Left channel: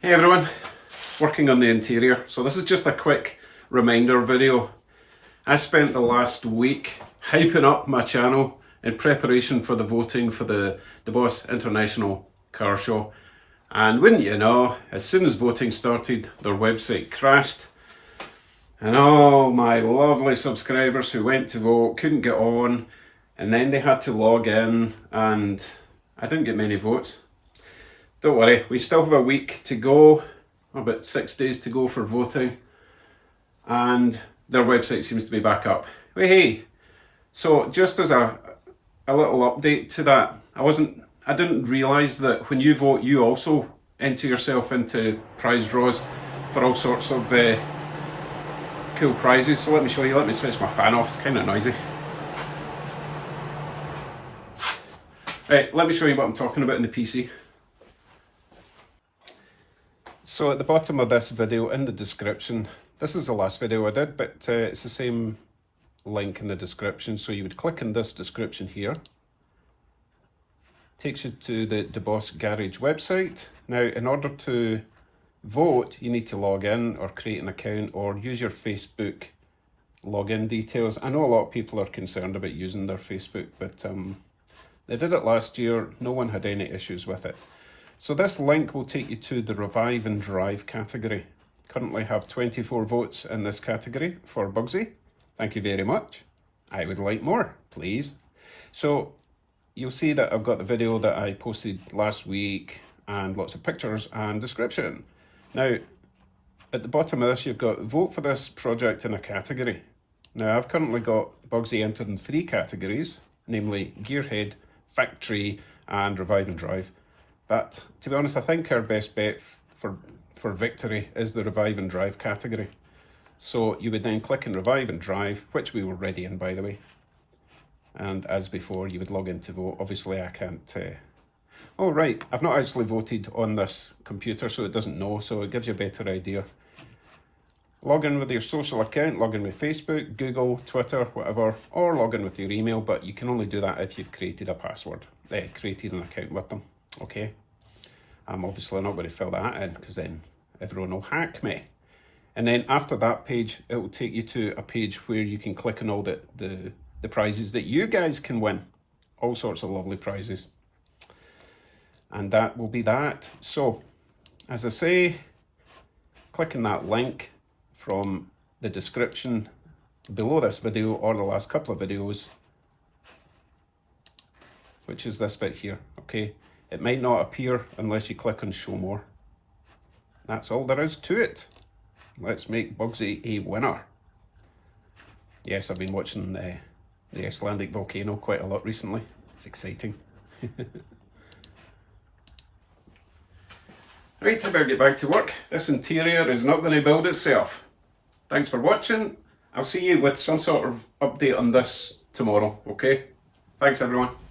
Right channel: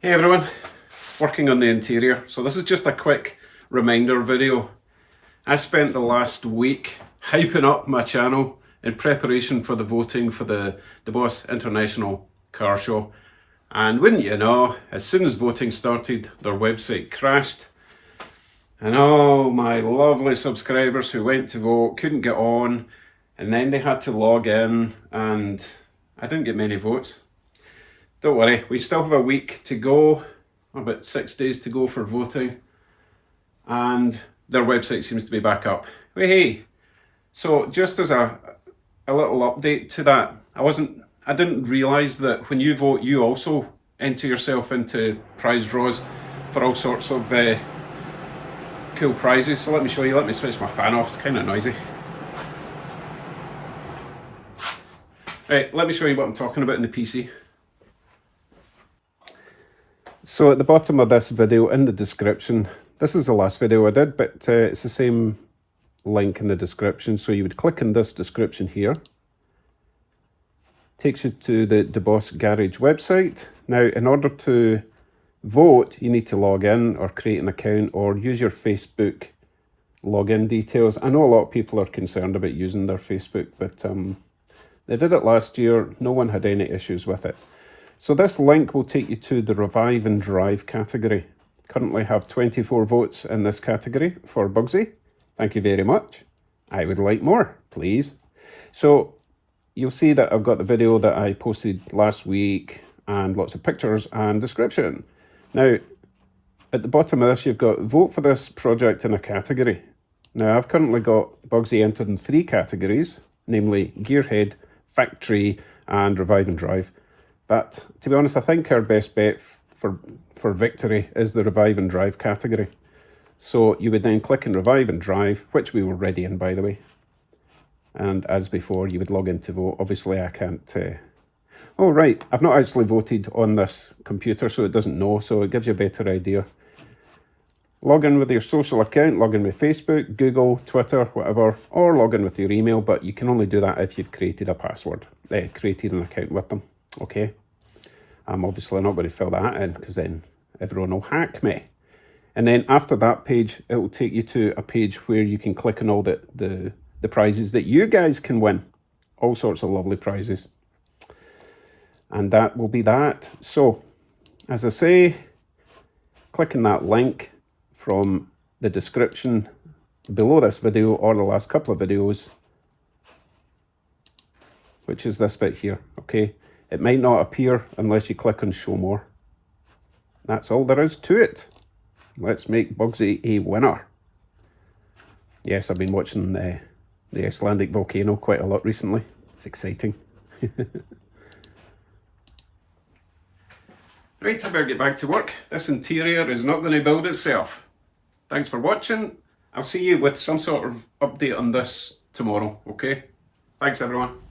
Hey everyone, working on the interior. So this is just a quick reminder video. I spent the last week hyping up my channel in preparation for the voting for the Deboss International car show. And wouldn't you know, as soon as voting started, their website crashed. And all my lovely subscribers who went to vote couldn't get on. And then they had to log in and I didn't get many votes. Don't worry, we still have a week to go, about 6 days to go for voting, and their website seems to be back up. Hey, so just as a little update to that, I didn't realise that when you vote, you also enter yourself into prize draws for all sorts of cool prizes. So let me show you, let me switch my fan off, it's kind of noisy. Right, let me show you what I'm talking about in the PC. So at the bottom of this video, in the description, this is the last video I did, but it's the same link in the description. So you would click on this description here. Takes you to the Deboss Garage website. Now, in order to vote, you need to log in or create an account or use your Facebook login details. I know a lot of people are concerned about using their Facebook, but they did it last year. No one had any issues with it. So this link will take you to the Revive and Drive category. Currently have 24 votes in this category for Bugsy. Thank you very much. I would like more, please. So you'll see that I've got the video that I posted last week and lots of pictures and description. Now, at the bottom of this, you've got vote for this project in a category. Now, I've currently got Bugsy entered in 3 categories, namely Gearhead, Factory, and Revive and Drive. But to be honest, I think our best bet for victory is the Revive and Drive category. So you would then click on Revive and Drive, which we were already in, by the way. And as before, you would log in to vote. Obviously, I can't... Oh, right, I've not actually voted on this computer, so it doesn't know, so it gives you a better idea. Log in with your social account, log in with Facebook, Google, Twitter, whatever, or log in with your email, but you can only do that if you've created a password, created an account with them. Okay, I'm obviously not going to fill that in because then everyone will hack me. And then after that page, it will take you to a page where you can click on all the prizes that you guys can win. All sorts of lovely prizes. And that will be that. So, as I say, click on that link from the description below this video or the last couple of videos, which is this bit here, okay? It might not appear unless you click on show more. That's all there is to it. Let's make Bugsy a winner. Yes, I've been watching the Icelandic volcano quite a lot recently. It's exciting. Right, I better get back to work. This interior is not going to build itself. Thanks for watching. I'll see you with some sort of update on this tomorrow, okay? Thanks everyone.